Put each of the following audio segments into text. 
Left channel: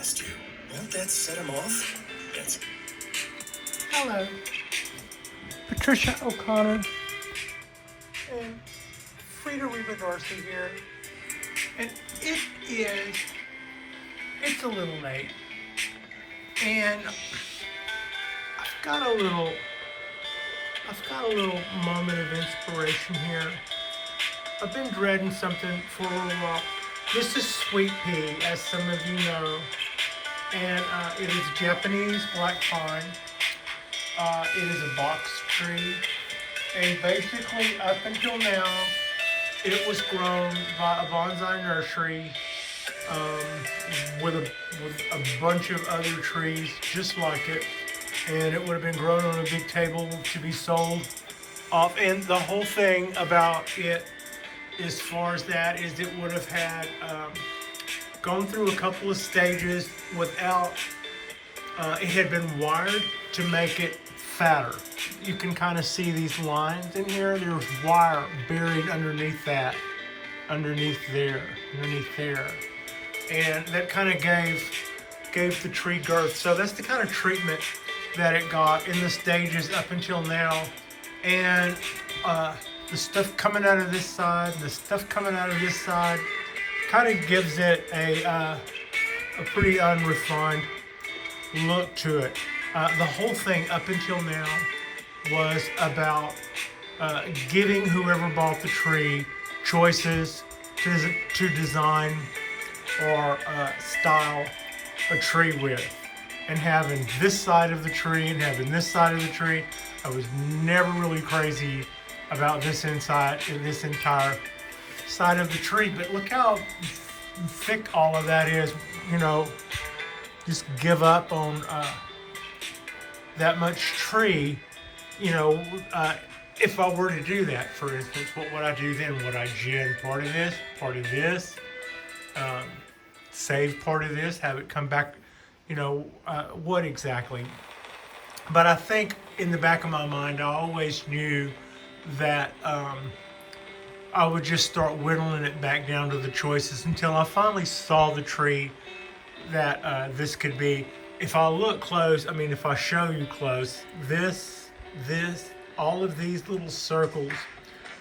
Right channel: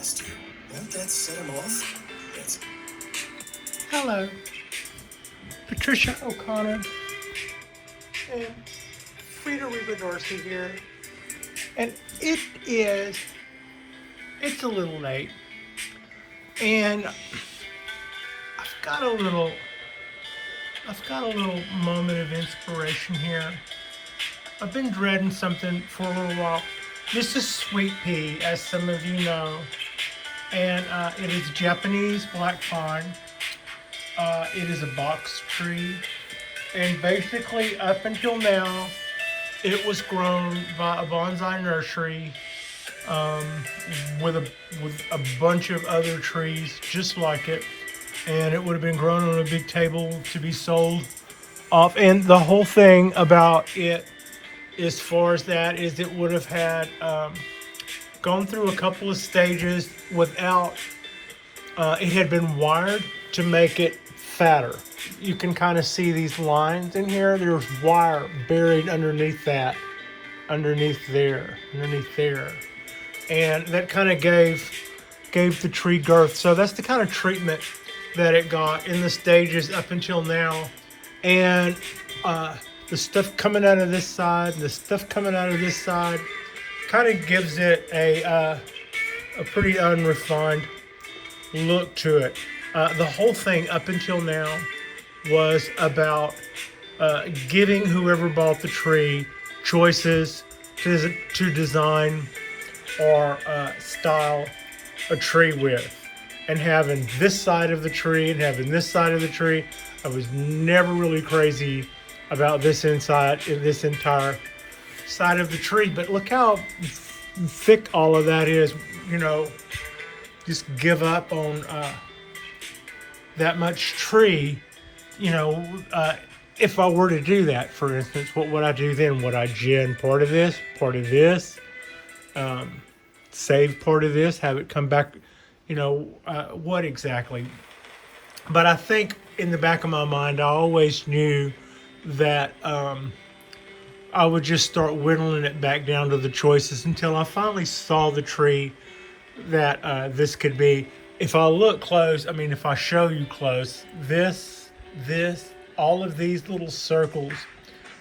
interest you. Won't that set him off? That's... Hello, Patricia O'Connor and Frida Darcy here, and it's a little late, and I've got a little moment of inspiration here. I've been dreading something for a little while. This is sweet pea, as some of you know, and it is Japanese black pine. It is a box tree, and basically up until now, it was grown by a bonsai nursery with a bunch of other trees just like it, and it would have been grown on a big table to be sold off. And the whole thing about it, as far as that, is it would have had gone through a couple of stages without. It had been wired to make it fatter. You can kind of see these lines in here. There's wire buried underneath that, underneath there, and that kind of gave the tree girth. So that's the kind of treatment that it got in the stages up until now. And the stuff coming out of this side and the stuff coming out of this side kind of gives it a pretty unrefined look to it. The whole thing up until now was about giving whoever bought the tree choices to design or style a tree with, and having this side of the tree and having this side of the tree. I was never really crazy about this entire side of the tree, but look how thick all of that is. You know, just give up on that much tree. You know, if I were to do that, for instance, what would I do then? Would I gin part of this, save part of this, have it come back? You know, what exactly? But I think in the back of my mind, I always knew that I would just start whittling it back down to the choices until I finally saw the tree that this could be. If I look close, I mean, if I show you close, this, all of these little circles,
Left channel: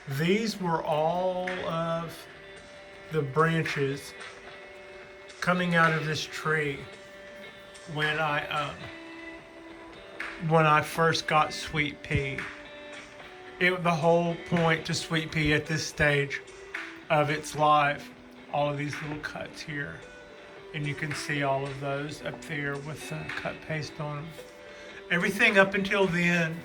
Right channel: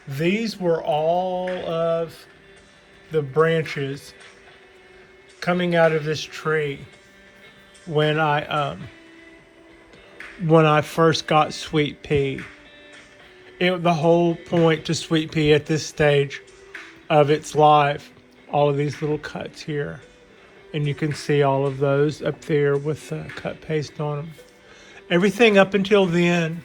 these were all of the branches coming out of this tree when I first got sweet pea. The whole point to sweet pea at this stage of its life, all of these little cuts here, and you can see all of those up there with cut paste on them. Everything up until then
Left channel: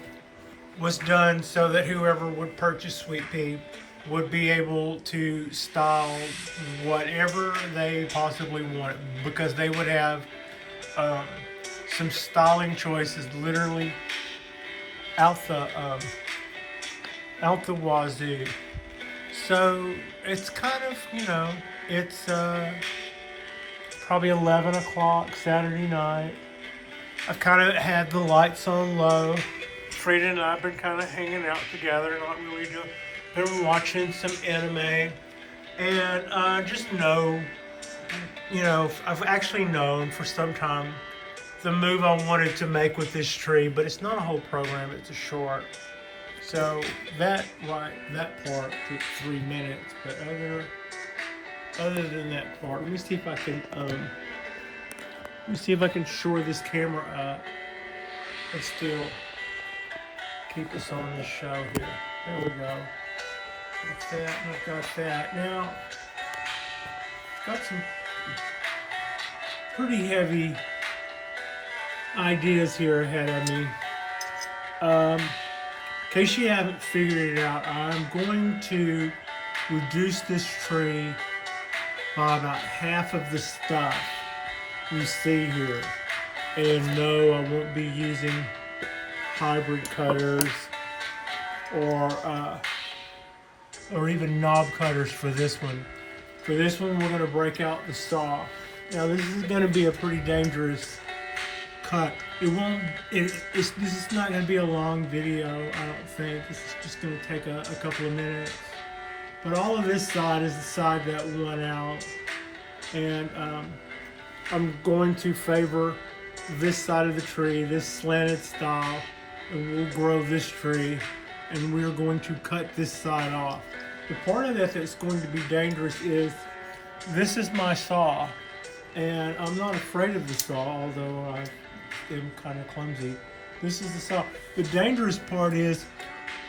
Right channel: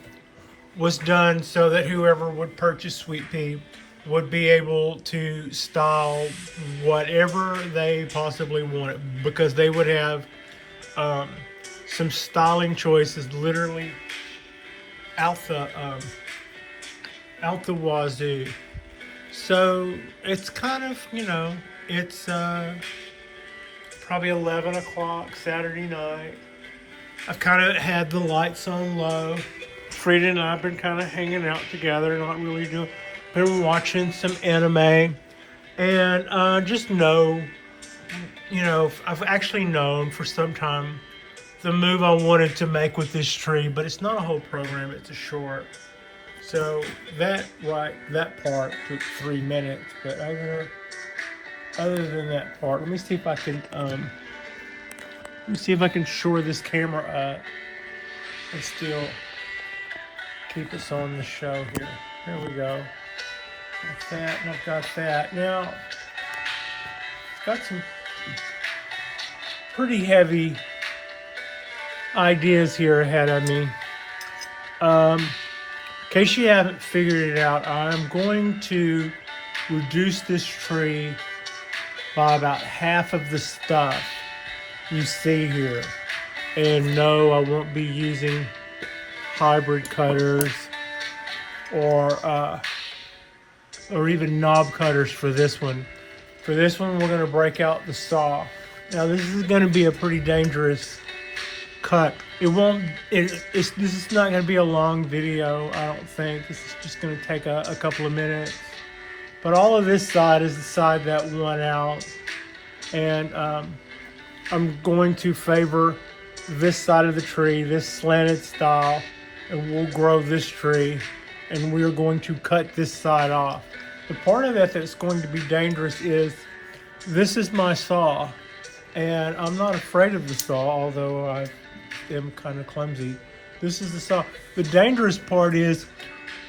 was done so that whoever would purchase sweet pea would be able to style whatever they possibly wanted, because they would have some styling choices literally out the wazoo. So it's kind of, you know, it's probably 11 o'clock Saturday night. I've kind of had the lights on low. Frida and I have been kind of hanging out together, not really doing. Been watching some anime, and just know, you know, I've actually known for some time the move I wanted to make with this tree, but it's not a whole program, it's a short. So that part took 3 minutes, but other than that part, let me see if I can shore this camera up and still keep us on the show here. There we go. Got that, and I've got that. Now, it's got some pretty heavy ideas here ahead of me. In case you haven't figured it out, I'm going to reduce this tree by about half of the stuff you see here. And no, I won't be using hybrid cutters or even knob cutters for this one. For this one, we're going to break out the saw. Now, this is going to be a pretty dangerous cut. This is not going to be a long video, I don't think. This is just going to take a couple of minutes. But all of this side is the side that won out. And I'm going to favor this side of the tree, this slanted style, and we'll grow this tree, and we're going to cut this side off. The part of it that's going to be dangerous is this is my saw, and I'm not afraid of the saw, although I am kind of clumsy. This is the saw. The dangerous part is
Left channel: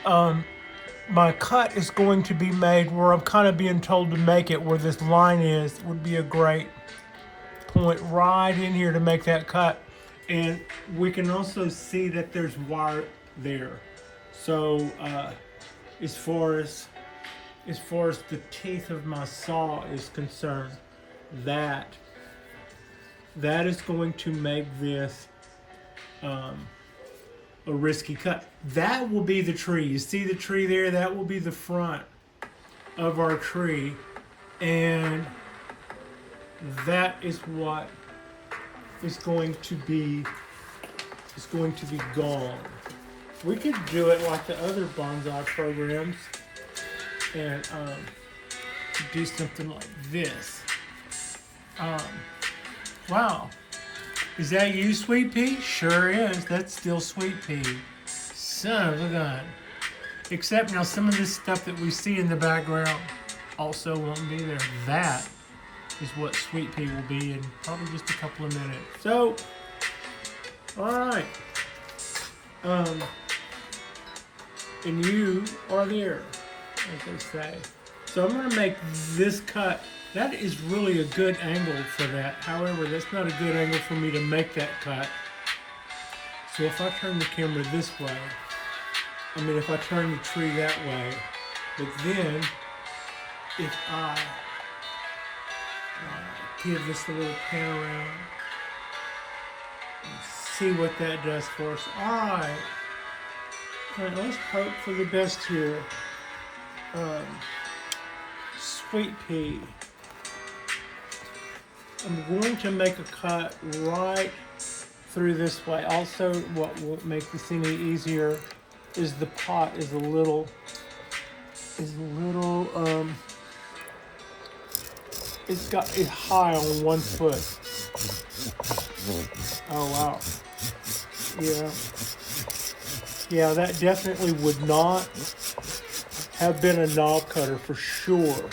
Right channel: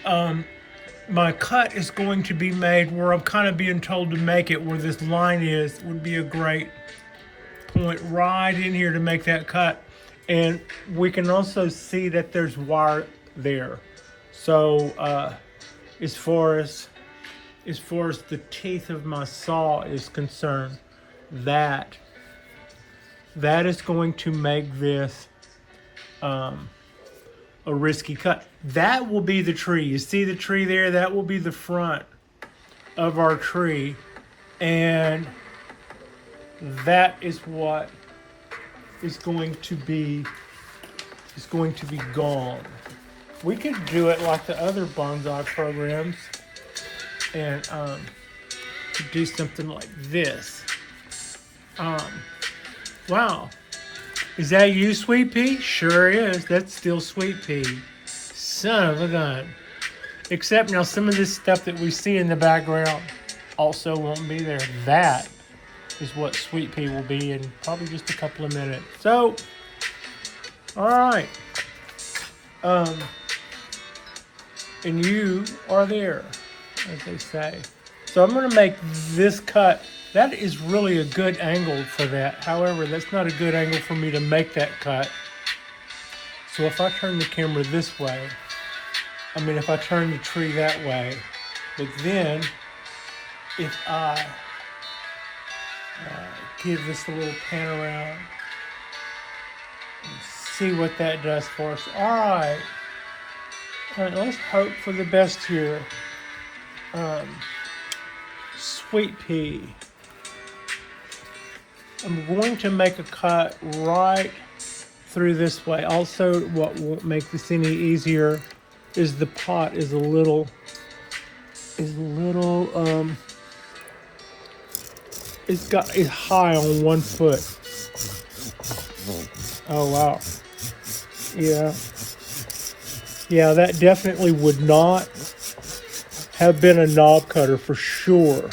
my cut is going to be made where I'm kind of being told to make it where this line is, would be a great point right in here to make that cut. And we can also see that there's wire there. So as far as the teeth of my saw is concerned, that is going to make this a risky cut. That will be the tree. You see the tree there? That will be the front of our tree, and that is what is going to be gone. We could do it like the other bonsai programs and do something like this. Wow. Is that you, Sweet Pea? Sure is. That's still Sweet Pea. Son of a gun. Except now some of this stuff that we see in the background also won't be there. That is what Sweet Pea will be in probably just a couple of minutes. So, all right. And you are there, as they say. So I'm going to make this cut. That is really a good angle for that. However, that's not a good angle for me to make that cut. So if I turn the camera this way, if I turn the tree that way, but then if I give this a little pan around and see what that does for us. All right, let's hope for the best here. Sweet Pea. I'm going to make a cut right through this way. Also, what won't make this any easier is the pot is a little it's high on 1 foot. Oh wow. Yeah, that definitely would not have been a knob cutter for sure.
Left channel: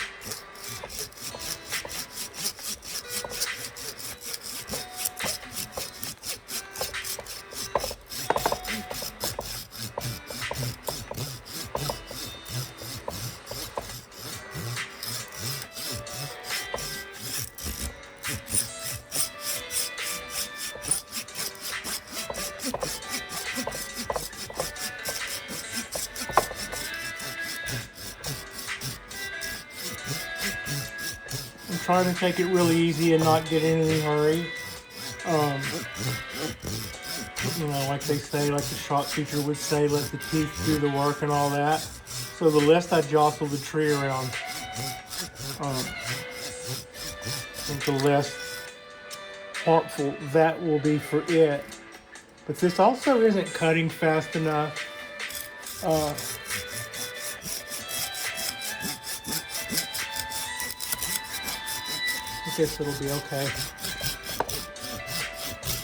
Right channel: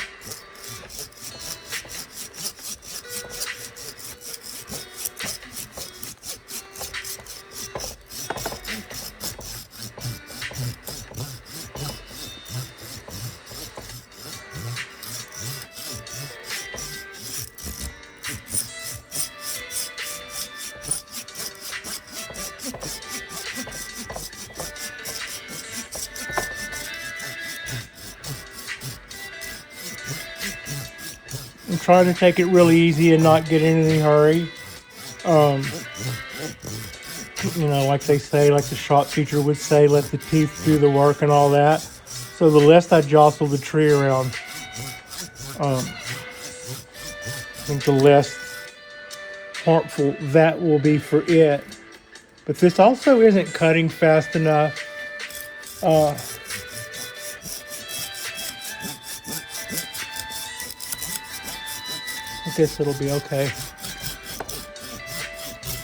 I'm trying to take it really easy and not get in any hurry. Like they say, like the shop teacher would say, let the teeth do the work and all that. So the less I jostle the tree around, I think the less harmful that will be for it. But this also isn't cutting fast enough. I guess it'll be okay.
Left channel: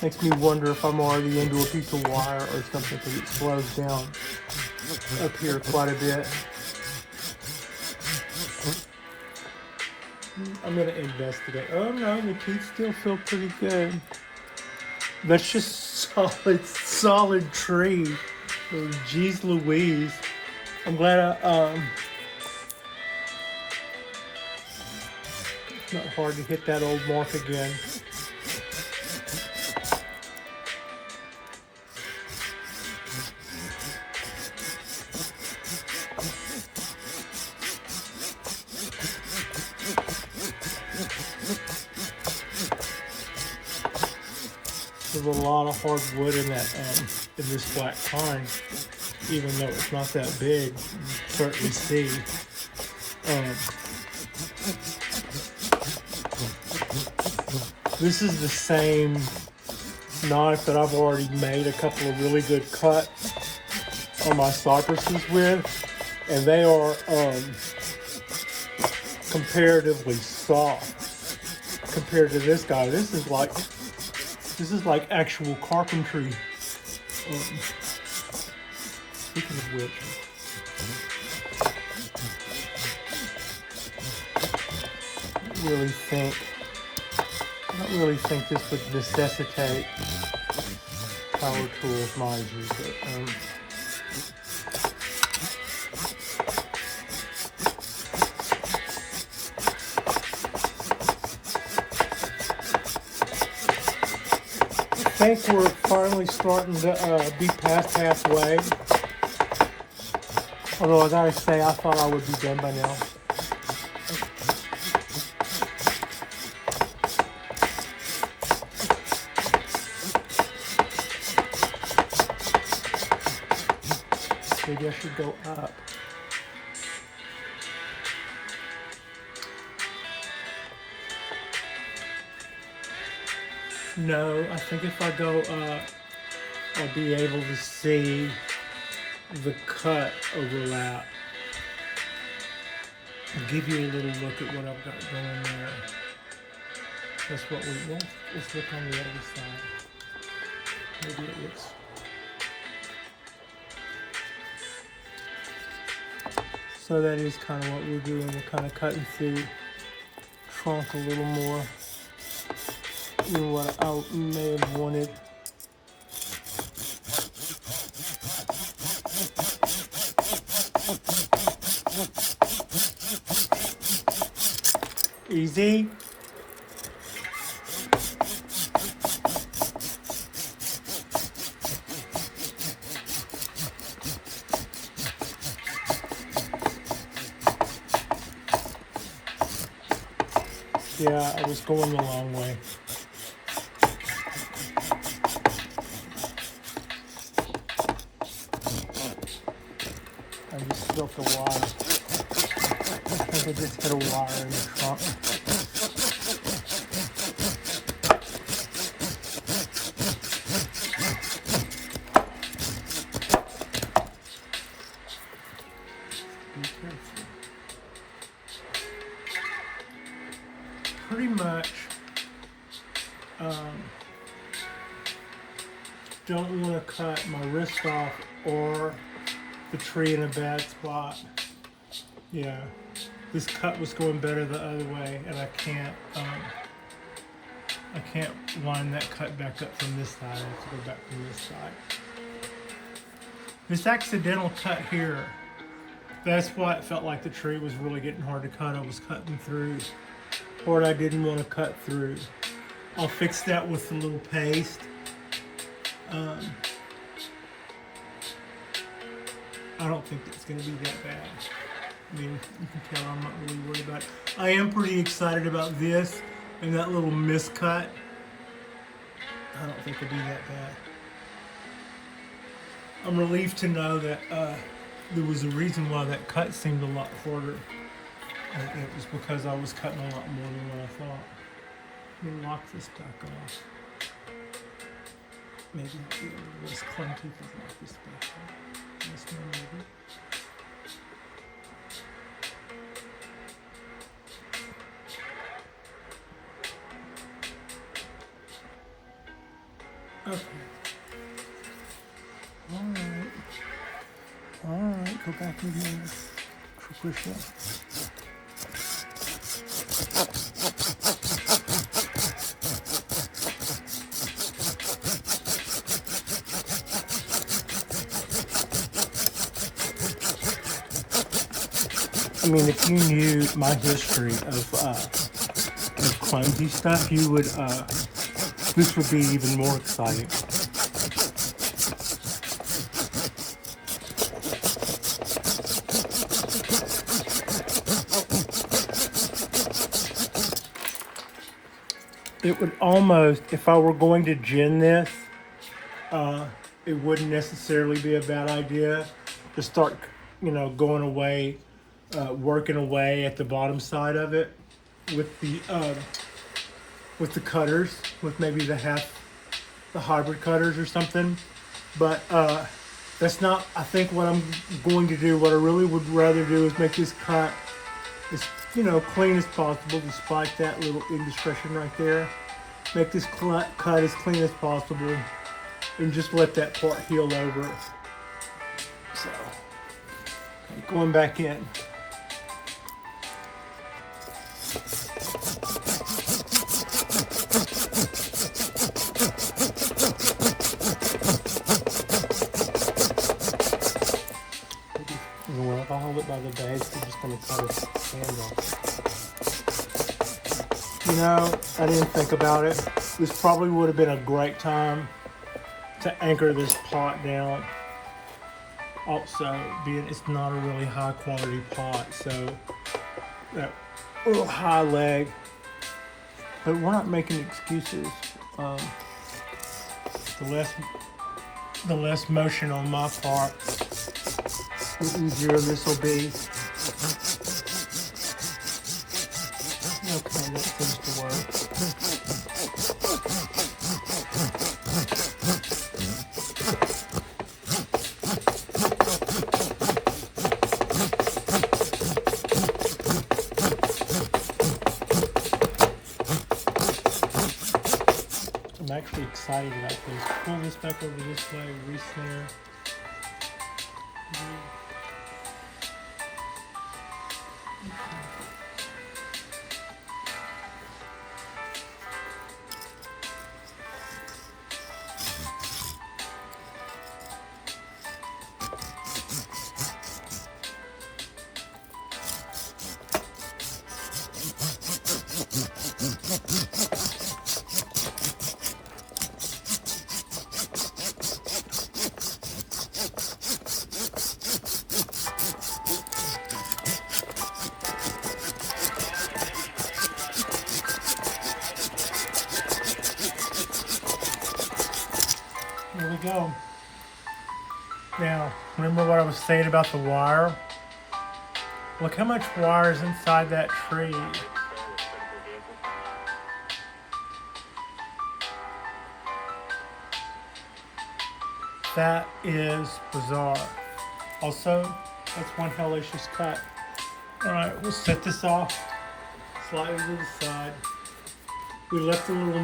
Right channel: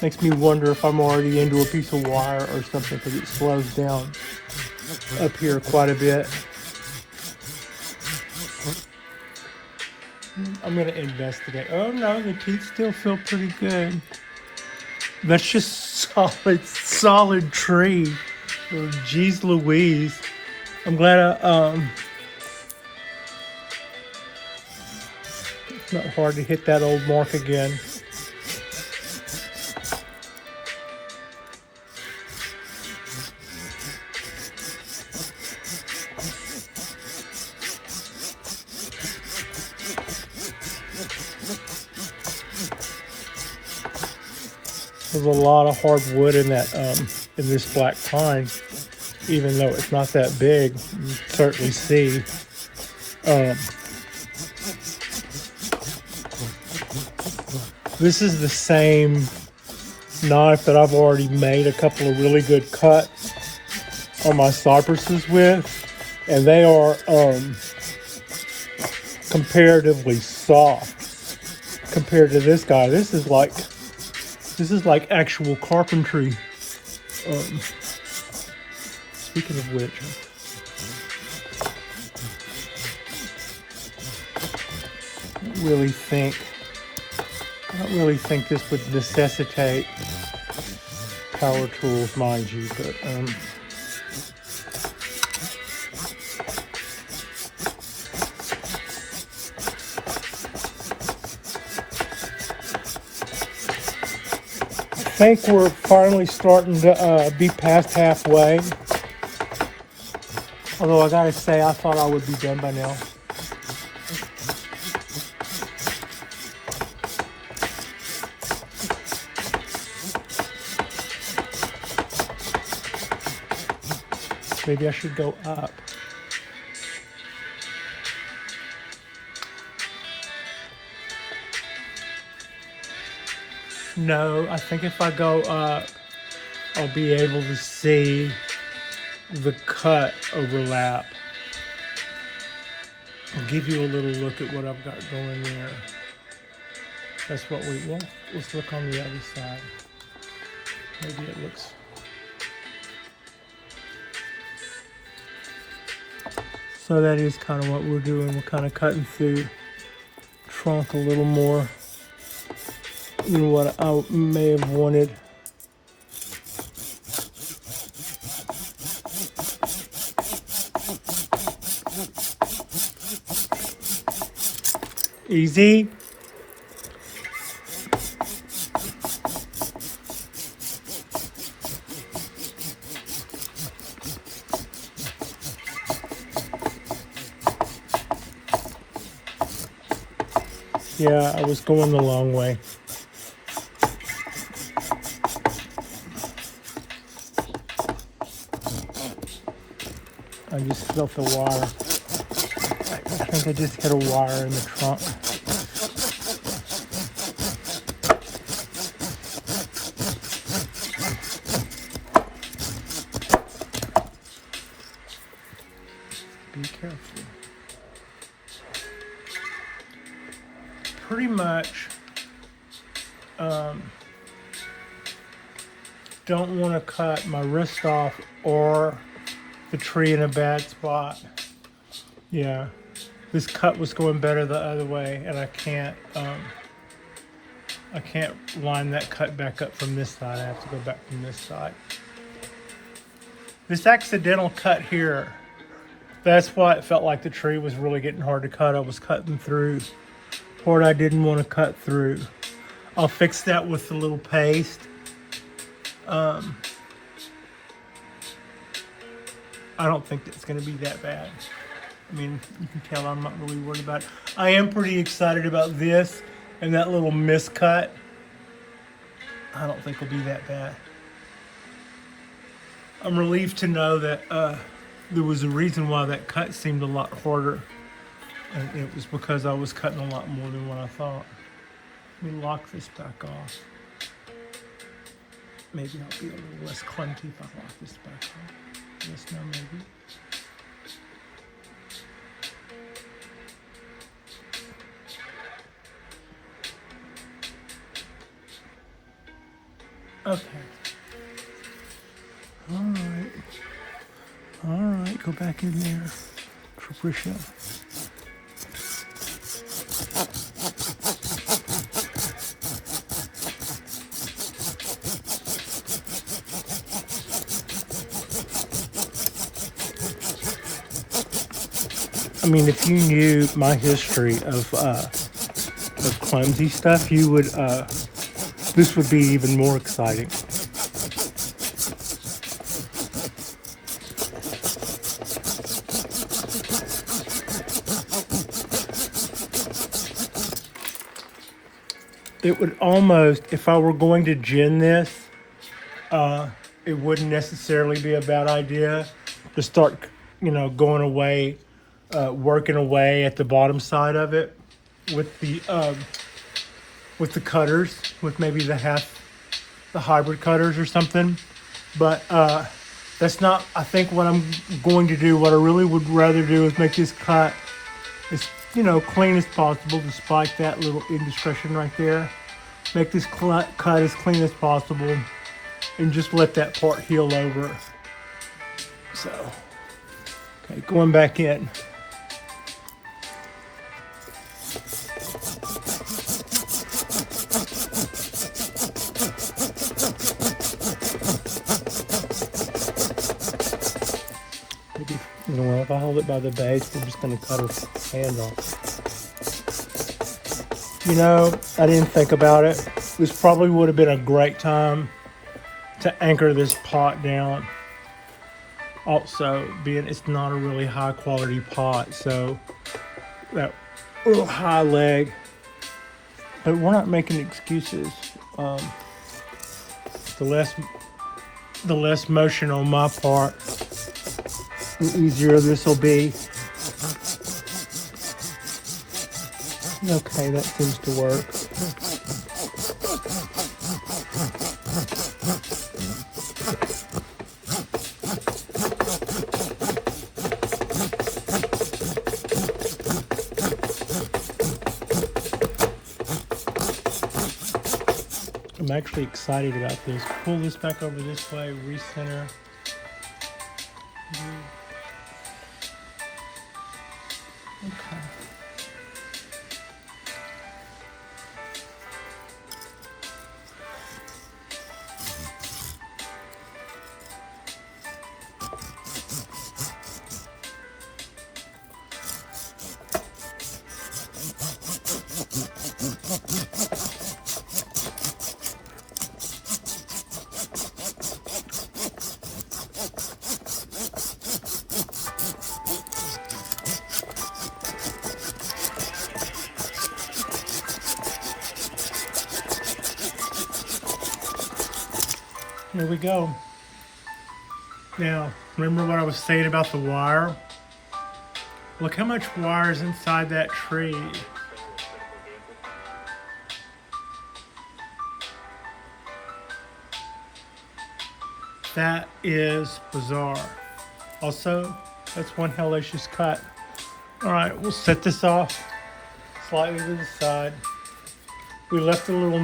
Makes me wonder if I'm already into a piece of wire or something, because it slows down up here quite a bit. I'm going to investigate. Oh no, the teeth still feel pretty good. That's just solid tree. Oh, geez Louise. I'm glad it's not hard to hit that old mark again. There's a lot of hard wood in that in this black pine, even though it's not that big. You can certainly see. This is the same knife that I've already made a couple of really good cuts on my cypresses with, and they are comparatively soft compared to this guy. This is like actual carpentry. Speaking of which, I don't really think this would necessitate power tools, mind you, but I think we're finally starting to be past halfway. Although I gotta say, I thought I would be done by now. Maybe I should go up. No, I think if I go up, I'll be able to see the cut overlap. I'll give you a little look at what I've got going there. That's what we want. Let's look on the other side. Maybe it looks. So that is kind of what we're doing. We're kind of cutting through trunk a little more than what I may have wanted. Easy. Yeah, I was going the long way. I just felt the wire. I think I just got a wire in the trunk. Be careful. Pretty much don't want to cut my wrist off or the tree in a bad spot. Yeah, this cut was going better the other way, and I can't line that cut back up from this side. I have to go back from this side. This accidental cut here, that's why it felt like the tree was really getting hard to cut. I was cutting through part I didn't want to cut through. I'll fix that with a little paste. I don't think it's going to be that bad. I mean, you can tell I'm not really worried about it. I am pretty excited about this and that little miscut. I don't think it'll be that bad. I'm relieved to know that there was a reason why that cut seemed a lot harder. And it was because I was cutting a lot more than what I thought. Let me lock this back off. Maybe I'll be a little less clumsy if I lock this back off. Yes, no, maybe. Okay. Alright, go back in here. Patricia. I mean, if you knew my history of clumsy stuff, you would, this would be even more exciting. It would almost, if I were going to gin this, it wouldn't necessarily be a bad idea to start, you know, going away, working away at the bottom side of it with the cutters, with maybe the hybrid cutters or something. But that's not, I think, what I'm going to do. What I really would rather do is make this cut as you know, clean as possible, despite that little indiscretion right there. Make this cut as clean as possible, and just let that part heal over. So, okay, going back in. If I hold it by the base, I'm just going to cut his hand off. You know, I didn't think about it. This probably would have been a great time to anchor this pot down. Also, being it's not a really high quality pot, so that little high leg. But we're not making excuses. The less motion on my part, the easier this will be. Okay, that seems to work. I'm actually excited about this. Pull this back over this way, recenter. Okay. Here we go. Now, remember what I was saying about the wire? Look how much wire is inside that tree. That is bizarre. Also, that's one hellacious cut. All right, we'll set this off slightly to the side. We left a little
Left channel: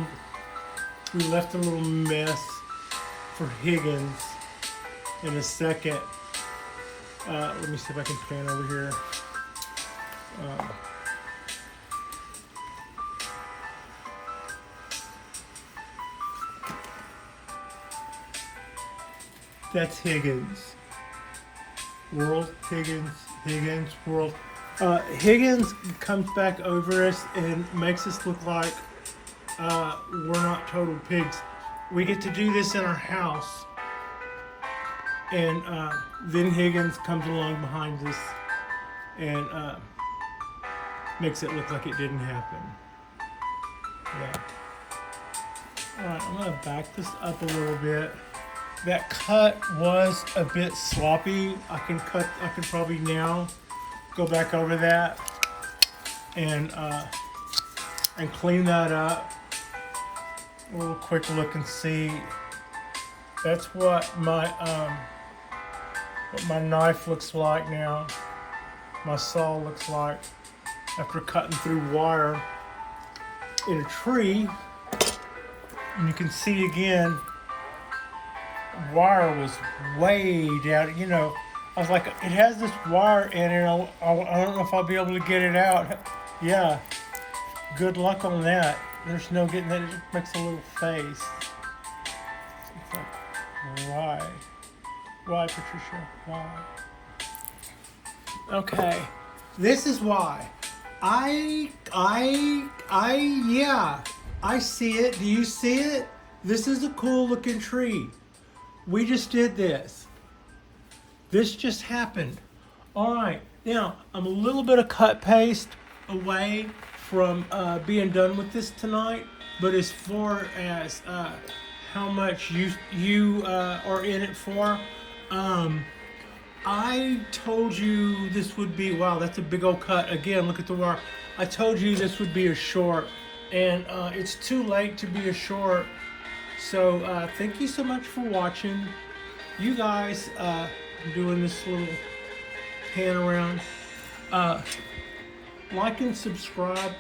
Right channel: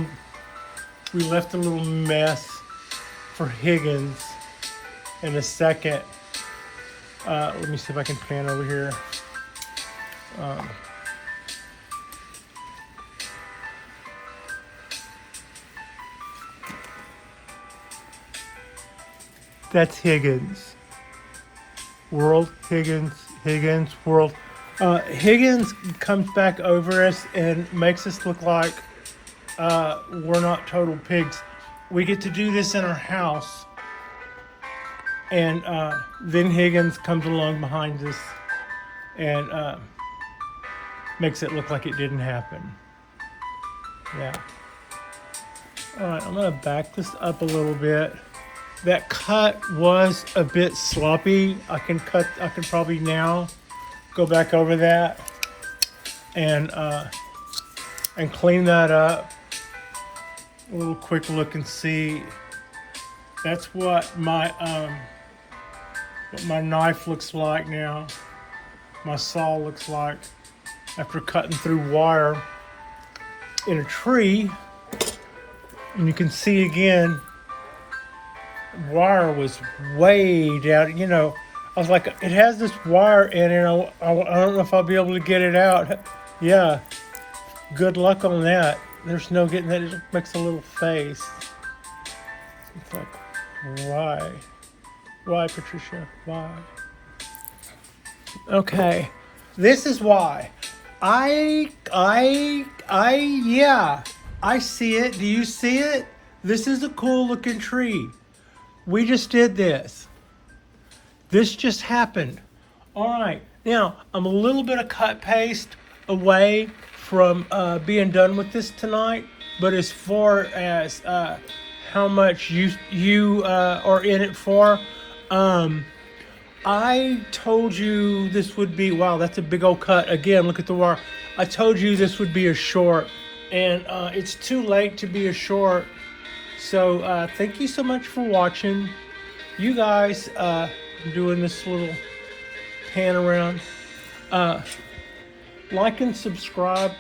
mess for Higgins in a second. Let me see if I can pan over here. That's Higgins. Higgins, world. Higgins comes back over us and makes us look like we're not total pigs. We get to do this in our house, and then Higgins comes along behind us and makes it look like it didn't happen. Yeah. All right, I'm gonna back this up a little bit. That cut was a bit sloppy. I can probably now go back over that and clean that up. A little quick look and see. That's what my knife looks like now. My saw looks like after cutting through wire in a tree. And you can see again, wire was way down. You know, I was like, it has this wire in it. I don't know if I'll be able to get it out. Yeah, good luck on that. There's no getting that. It just makes a little face. It's like, why? Why, Patricia? Why? Okay, this is why. Yeah, I see it. Do you see it? This is a cool looking tree. We just did this. This just happened. All right, now I'm a little bit of cut paste away from being done with this tonight, but as far as how much you are in it for, I told you this would be, wow, that's a big old cut. Again, look at the wire. I told you this would be a short, and it's too late to be a short. So thank you so much for watching. You guys, doing this little pan around. like and subscribe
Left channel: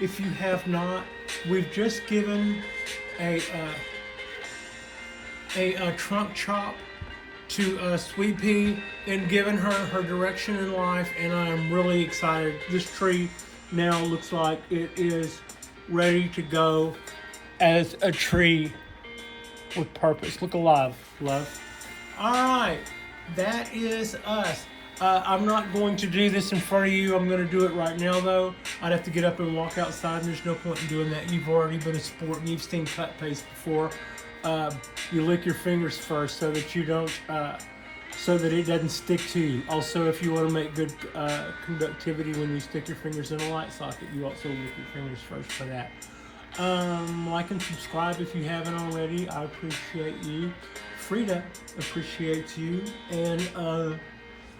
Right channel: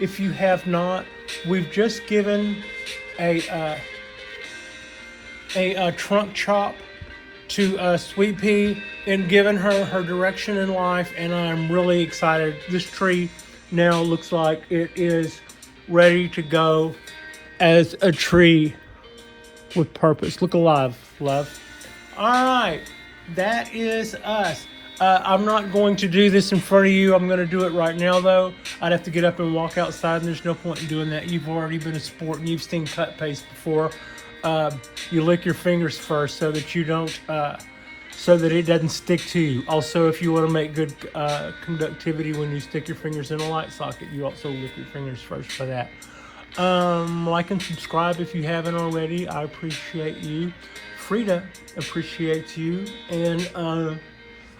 if you have not. We've just given a trunk chop to Sweet Pea and given her her direction in life, and I'm really excited. This tree now looks like it is ready to go as a tree with purpose. Look alive, love. All right, that is us. I'm not going to do this in front of you. I'm going to do it right now, though. I'd have to get up and walk outside, and there's no point in doing that. You've already been a sport, and you've seen cut paste before. You lick your fingers first so that you don't, so that it doesn't stick to you. Also, if you want to make good conductivity when you stick your fingers in a light socket, you also lick your fingers first for that. Like and subscribe if you haven't already. I appreciate you. Frida appreciates you, and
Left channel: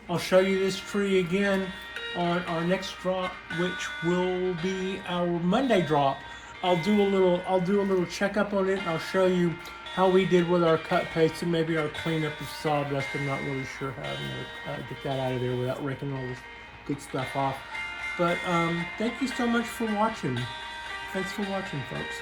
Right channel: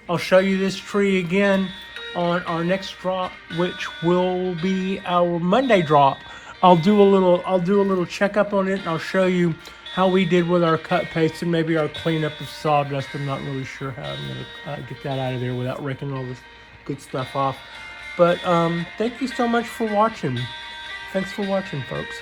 I'll show you this tree again on our next drop, which will be our Monday drop. I'll do a little checkup on it, and I'll show you how we did with our cut paste and maybe our cleanup of sawdust. I'm not really sure how I'm gonna get that out of there without raking all this good stuff off. But thank you so much for watching. Thanks for watching, folks.